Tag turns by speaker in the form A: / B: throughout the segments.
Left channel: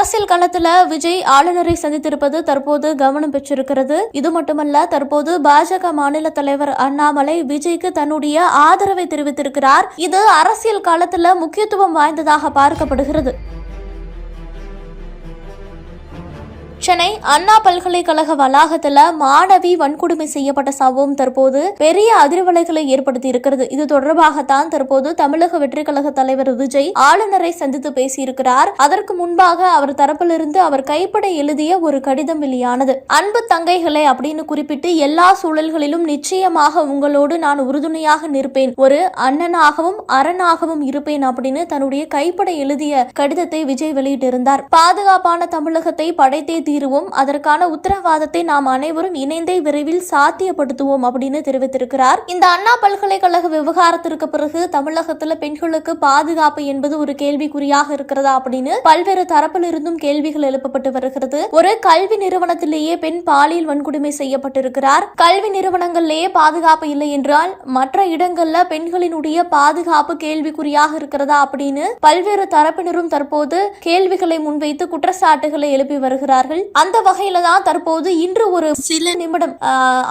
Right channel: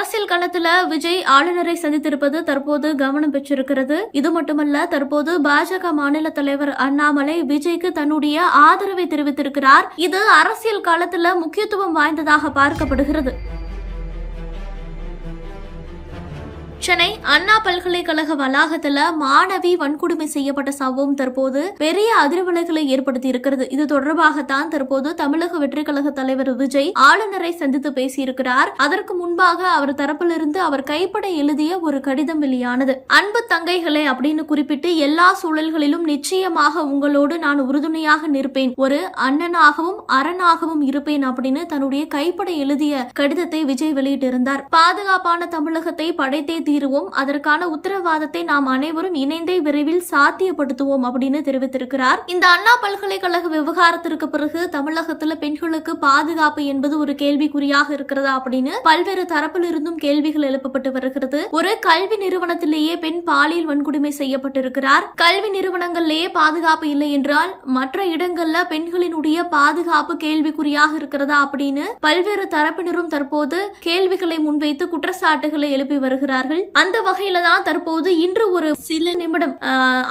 A: அரசியல் களத்துல விஜய் ஆளுநரை சந்தித்திருப்பது தற்போது கவனம் பெற்றிருக்கிறது. இது மட்டுமல்ல தற்போது பாஜக மாநில தலைவர் அண்ணாமலை விஜய்க்கு தன்னுடைய ஆதரவை தெரிவித்திருக்கிறார். இது அரசியல் காலத்துல முக்கியத்துவம் வாய்ந்ததாக பார்க்கப்படுகிறது. சென்னை அண்ணா பல்கலைக்கழக வளாகத்துல மாணவி வன்கொடுமை செய்யப்பட்ட சம்பவம் தற்போது பெரிய அதிர்வலைகளை ஏற்படுத்தி இருக்கிறது. இது தொடர்பாகத்தான் தற்போது தமிழக வெற்றி கழக தலைவர் விஜய் ஆளுநரை சந்தித்து பேசியிருக்கிறார். அதற்கு முன்பாக அவர் தரப்பிலிருந்து அவர் கைப்பட எழுதிய ஒரு கடிதம் வெளியானது. அன்பு தங்கைகளை அப்படின்னு குறிப்பிட்டு எல்லா சூழல்களிலும் நிச்சயமாக உங்களோடு நான் உறுதுணையாக நிற்பேன். ஒரு அண்ணனாகவும் அரணாகவும் இருப்பேன் அப்படின்னு தன்னுடைய கைப்பட எழுதிய கடிதத்தை விஜய் வெளியிட்டிருந்தார். பாதுகாப்பான தமிழகத்தை படைத்தே தீருவோம். அதற்கான உத்தரவாதத்தை நாம் அனைவரும் இணைந்தே விரைவில் சாத்தியப்படுத்துவோம் அப்படின்னு தெரிவித்திருக்கிறார். இந்த அண்ணா பல்கலைக்கழக விவகாரத்திற்கு பிறகு தமிழகத்துல பெண்களுக்கு பாதுகாப்பு என்பது ஒரு கேள்விக்குறியாக இருக்கிறதா அப்படின்னு பல்வேறு தரப்பிலிருந்தும் கேள்விகள் எழுப்பப்பட்டு வருகிறது. ஒரு கல்வி நிறுவனத்திலேயே பெண் பாலியல் வன்கொடுமை செய்யப்பட்டிருக்கிறார். கல்வி நிறுவனங்களிலேயே பாதுகாப்பு இல்லை என்றால் மற்ற இடங்கள்ல பெண்களினுடைய பாதுகாப்பு கேள்விக்குறியாக இருக்கிறதா அப்படின்னு பல்வேறு தரப்பினரும் தற்போது கேள்விகளை முன்வைத்து குற்றச்சாட்டுகளை எழுப்பி வருகிறார்கள். அந்த வகையில தான் தற்போது இன்று ஒரு சில நிமிடம்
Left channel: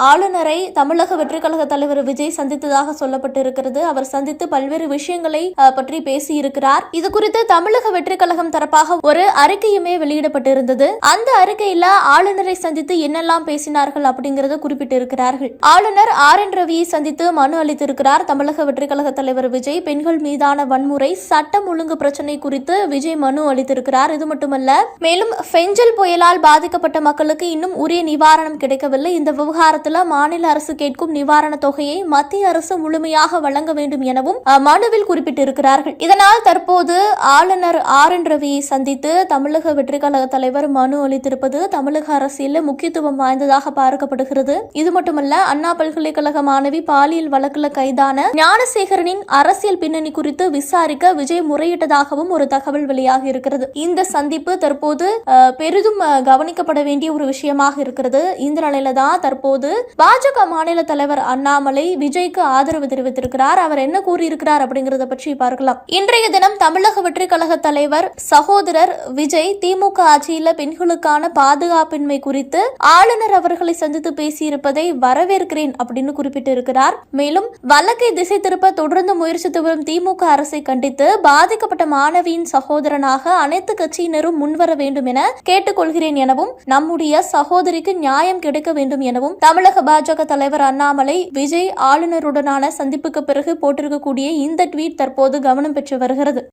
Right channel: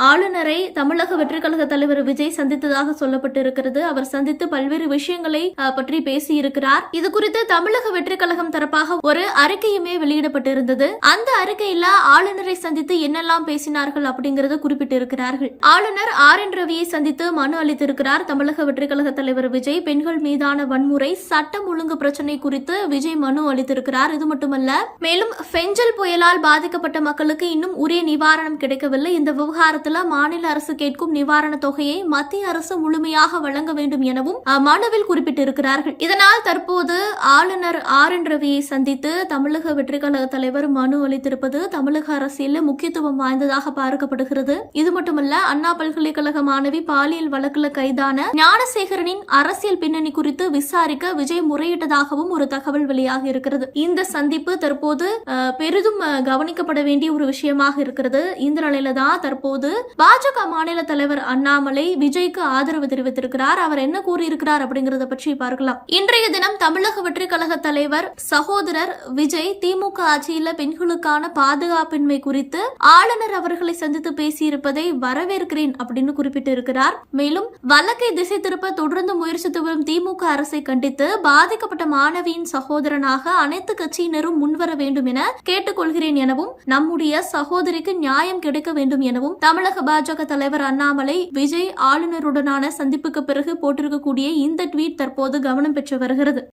A: ஆளுநரை தமிழக வெற்றி கழக தலைவர் விஜய் சந்தித்ததாக சொல்லப்பட்டிருக்கிறது. அவர் சந்தித்து பல்வேறு விஷயங்களை பற்றி பற்றி பேசியிருக்கிறார். இது குறித்து தமிழக வெற்றி கழகம் தரப்பாக ஒரு அறிக்கையுமே வெளியிடப்பட்டிருந்தது. அந்த அறிக்கையில ஆளுநரை சந்தித்து என்னெல்லாம் பேசினார்கள் அப்படிங்கறத குறிப்பிட்டிருக்கிறார்கள். ஆளுநர் ஆர் என் ரவியை சந்தித்து மனு அளித்திருக்கிறார். தமிழக வெற்றி கழக தலைவர் விஜய் பெண்கள் மீதான வன்முறை சட்டம் ஒழுங்கு பிரச்சனை குறித்து விஜய் மனு அளித்திருக்கிறார். இது மட்டுமல்ல மேலும் பெஞ்சல் புயலால் பாதிக்கப்பட்ட மக்களுக்கு இன்னும் உரிய நிவாரணம் கிடைக்கவில்லை. இந்த விவகாரத்தில் மாநில அரசு கேட்கும் நிவாரண தொகையை மத்திய அரசு முழுமையாக வழங்க வேண்டும் எனவும் மனுவில் குறிப்பிட்டிருக்கிறார்கள். இதனால் தற்போது ஆளுநர் ஆர் என் ரவியை சந்தித்து தமிழக வெற்றி கழக தலைவர் மனு அளித்திருப்பது தமிழக அரசியலில் முக்கியத்துவம் வாய்ந்ததாக பார்க்கப்படுகிறது. இது மட்டுமல்ல அண்ணா பல்கலைக்கழக மாணவி பாலியல் வழக்கில் கைதான ஞானசேகரனின் அரசியல் பின்னணி குறித்து விசாரிக்க விஜய் முறையிட்டதாகவும் ஒரு தகவல் வெளியாகி இருக்கிறது. இந்த சந்திப்பு தற்போது பெரிதும் கவனிக்கப்பட வேண்டிய ஒரு விஷயமாக இருக்கிறது. இந்த நிலையில தான் தற்போது பாஜக மாநில தலைவர் அண்ணாமலை விஜய்க்கு ஆதரவு தெரிவித்திருக்கிறார். அவர் என்ன கூறியிருக்கிறார் அப்படிங்கறத பற்றி பார்க்கலாம். இன்றைய தினம் தமிழக வெற்றி கழக தலைவர் சகோதரர் விஜய் திமுக ஆட்சியில பெண்களுக்கான பாதுகாப்பின்மை குறித்து ஆளுநர் அவர்களை சந்தித்து பேசியிருப்பதை வரவேற்கிறேன் அப்படின்னு குறிப்பிட்டிருக்கிறார். மேலும் வழக்கை திசை திருப்ப தொடர்ந்து முயற்சித்து வரும் திமுக அரசை கண்டித்து பாதிக்கப்பட்ட மாணவியின் சகோதரனாக அனைத்து கட்சியினரும் முன்வர வேண்டும் என கேட்டுக்கொள்கிறேன் எனவும் நம்முடைய சகோதரிக்கு நியாயம் கிடைக்க வேண்டும் எனவும் தமிழக பாஜக தலைவர் அண்ணாமலை விஜய் ஆளுநருடனான சந்திப்புக்கு பிறகு போட்டிருக்கக்கூடிய இந்த ட்வீட் தற்போது கவனம் பெற்று வருகிறது.